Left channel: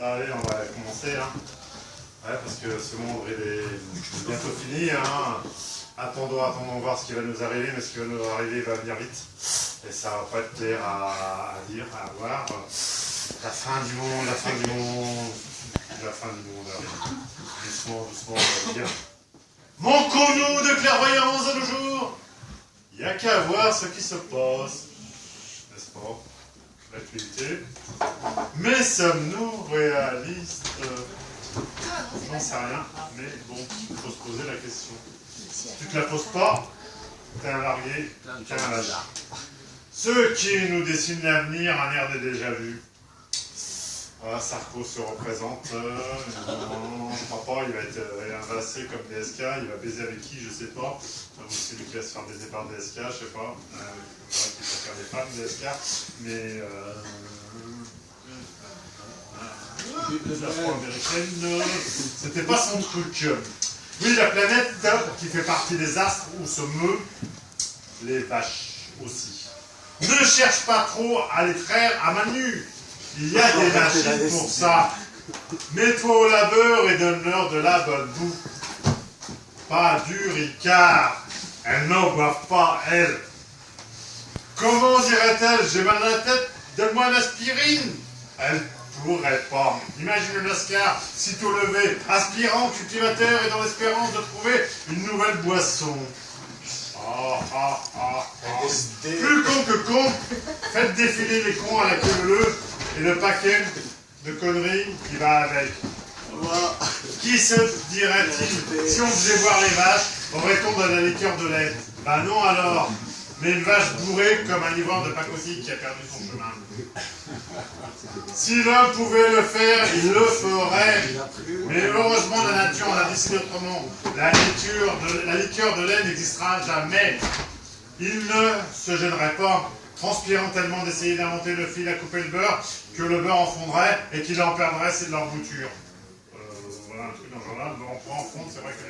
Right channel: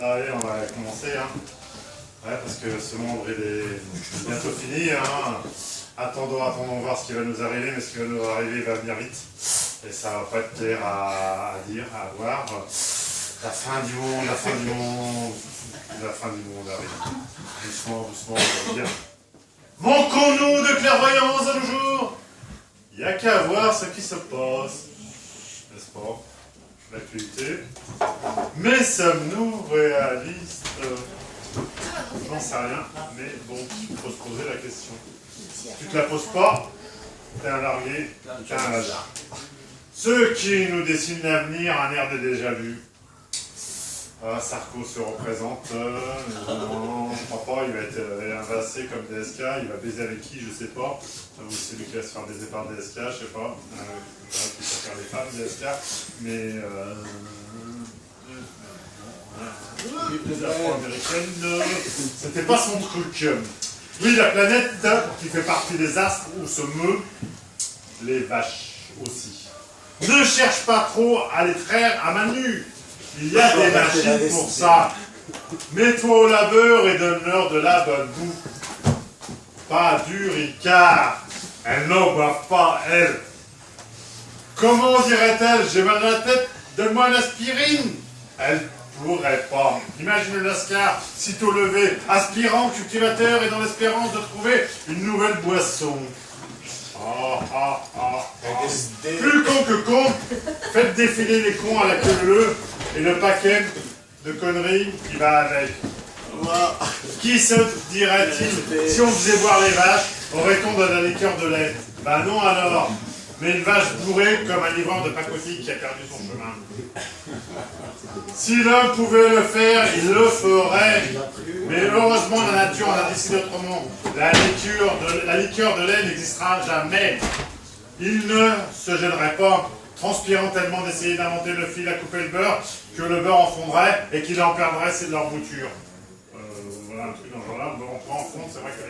Allez, on va commencer. Hein. Ouais, parce que ce monde est bientôt fini. Hein. Attendons voir ce qui va nous arriver, mais ce qui va nous arriver va venir vite. Et ça va pas être clair à dire, à voir. La fin du monde, la fin du monde. La fin du monde arrive. Doucement, doucement, on va dire. Manquons-nous de clairvoyance à nos jours? Il n'y a qu'à voir ce qui se passe. N'est-ce pas? L'actualité. Mais sommes-nous réalistes? J'en sais rien, mais bon, il faut se poser la question. Si tu ne te la poses pas, t'es un largué, t'es un lâche. Ceux qui nous dessinent l'avenir, un air de déjà-vu. Ah, Sarko se représente, non, je crois pas, il va être invassé comme DSK, il va baiser avec qui, je sais pas. Ou c'est lui qui va se faire baiser par DSK, je sais pas. Qui préfère les femmes DSK, mais la afro-américaine, c'était pas son truc. Oui, la planète qui fait partie des astres où se meut les vaches aussi. Ne cherche pas trop à les traire à main nue. Il y a des machines pour ça. Mets-toi au labeur et donne-leur de la bonne bouffe. Pas du ricard. Elles n'en boivent pas, elles. Comment dirait-elle? J'ai mal à la tête, donne-moi une aspirine. Elle pourrait pas. Imagine le Lascar, sitôt levé, aspirant, cultivateur et dans l'espérance de trouver une nouvelle boisson. Plus con que con, faites défiler les cons à la queue leu et le paquet de conneries qui va avec. Qui se dirait-il si on faisait boire les vaches, aurait-on de la liqueur de lait? Ben non alors, mais une vache bourrée comme un livreur de pacotille qui a perdu son chemin. Si l'un pouvait le faire, il le ferait. Mais heureusement, la nature en a décidé autrement. La liqueur de lait n'existera jamais. Il ne se gênerait pas, transpirant tellement d'essayer d'inventer le fil à couper le beurre, que le beurre en fondrait et qu'il en perdrait leur bouture. Voilà un truc dans ce genre-là. On prend en fond, c'est vrai que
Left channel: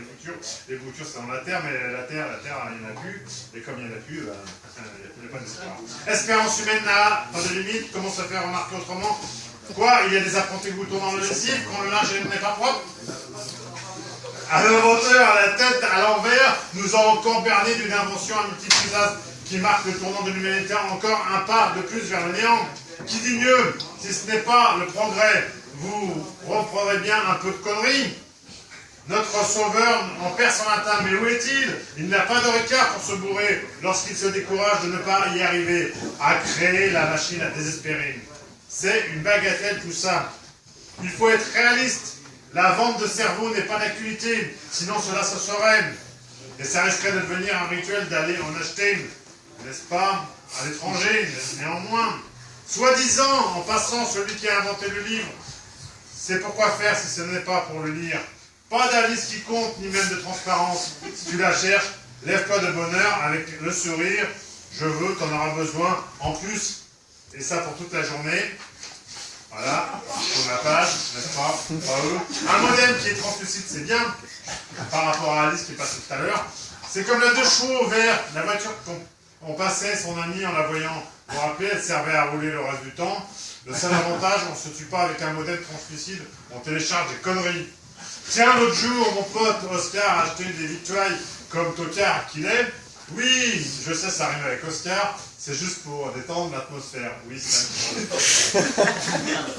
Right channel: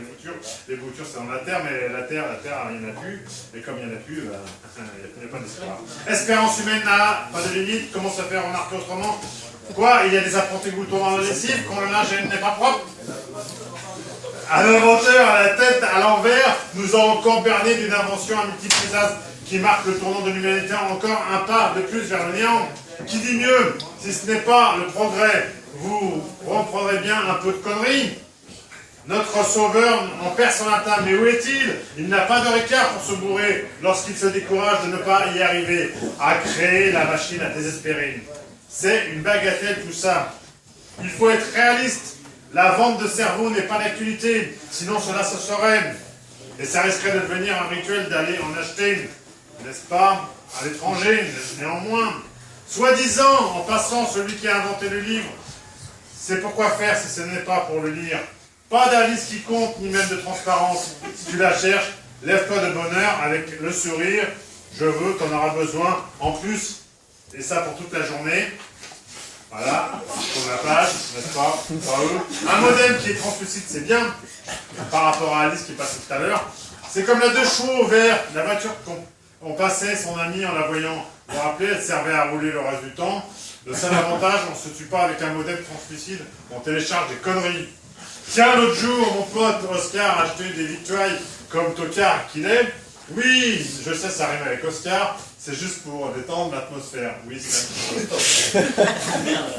les boutures c'est dans la terre, mais la terre, il n'y en a plus. Et comme il n'y en a plus, il n'y a pas d'espoir. Espérance humaine n'a pas de limite. Comment se faire remarquer autrement? Quoi? Il y a des apprentis boutons dans le lessive quand le linge n'est pas propre? À l'inventeur, à la tête, à l'envers, nous avons encore berné d'une invention à multiples usages qui marque le tournant de l'humanité encore un pas de plus vers le néant. Qui dit mieux, si ce n'est pas le progrès? Vous reprendrez bien un peu de conneries. Notre sauveur en perd son latin, mais où est-il? Il n'a pas de ricard pour se bourrer lorsqu'il se décourage de ne pas y arriver, à créer la machine à désespérer. C'est une bagatelle tout ça. Il faut être réaliste. La vente de cerveau n'est pas d'actualité, sinon cela se saurait. Et ça risquerait de devenir un rituel d'aller en acheter, n'est-ce pas, à l'étranger, néanmoins. Soi-disant, en passant, celui qui a inventé le livre, c'est pourquoi faire si ce n'est pas pour le lire. Pas d'Alice qui compte, ni même de transparence. Si tu la cherches, lève-toi de bonheur avec le sourire. Je veux, t'en auras besoin. En plus, et ça pour toute la journée. Voilà, pour la page, n'est-ce pas? Pas eux. Un modem qui est translucide, c'est bien. Par rapport à Alice qui est passée tout à l'heure. C'est comme la 2 chevaux vert, la voiture qu'on passait son ami en la voyant. Vous vous rappelez, elle servait à rouler le reste du temps. Le seul avantage, on ne se tue pas avec un modem translucide, on télécharge des conneries. Tiens, l'autre jour, mon pote Oscar a acheté des victuailles comme tocard qu'il est. Oui, je sais, ça rime avec Oscar, c'est juste pour détendre l'atmosphère. Oui, c'est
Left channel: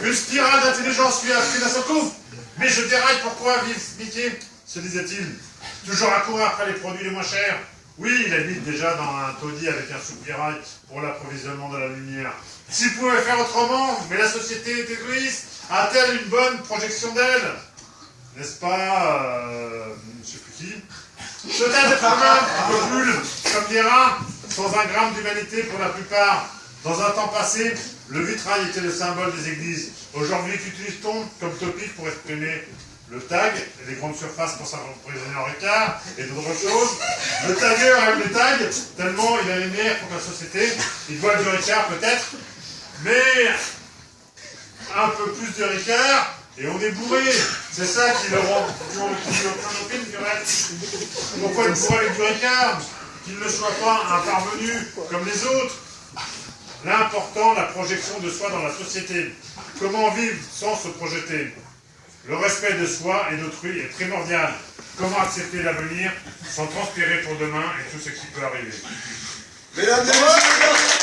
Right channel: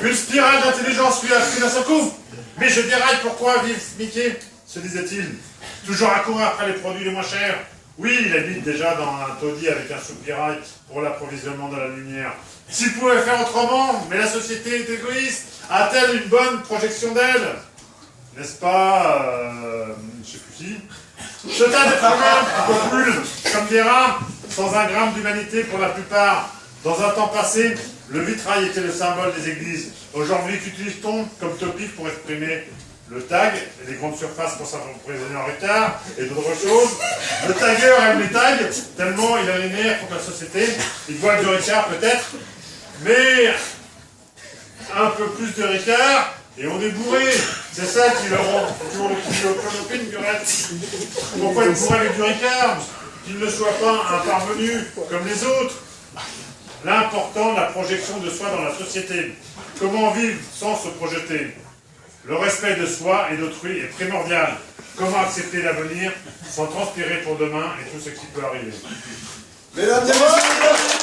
une spirale d'intelligence lui a pris d'un seul coup. Mais je déraille, pourquoi vive Mickey, se disait-il. Toujours à courir après les produits les moins chers. Oui, il habite déjà dans un taudis avec un soupirail pour l'approvisionnement de la lumière. S'il pouvait faire autrement, mais la société est égoïste, a-t-elle une bonne projection d'elle? N'est-ce pas, je sais plus qui. Ce tas d'êtres humains qui brûlent comme des rats, sans un gramme d'humanité pour la plupart. Dans un temps passé, le vitrail était le symbole des églises. Aujourd'hui, qu'utilise-t-on comme topic pour exprimer le tag, et les grandes surfaces pour s'approvisionner en ricard, et d'autres choses. Le tagueur aime les tags, tellement il a les nerfs pour la société. Il boit du ricard peut-être, mais un peu plus de ricard, et on est bourré. C'est ça qui le rend toujours le clonopine du reste. Pourquoi être bourré avec du ricard? Qu'il ne soit pas un parvenu comme les autres. l'important de la projection de soi dans la société. Comment vivre sans se projeter? Le respect de soi et d'autrui est primordial. Comment accepter l'avenir sans transpirer pour demain et tout ce qui peut arriver? Mesdames et messieurs,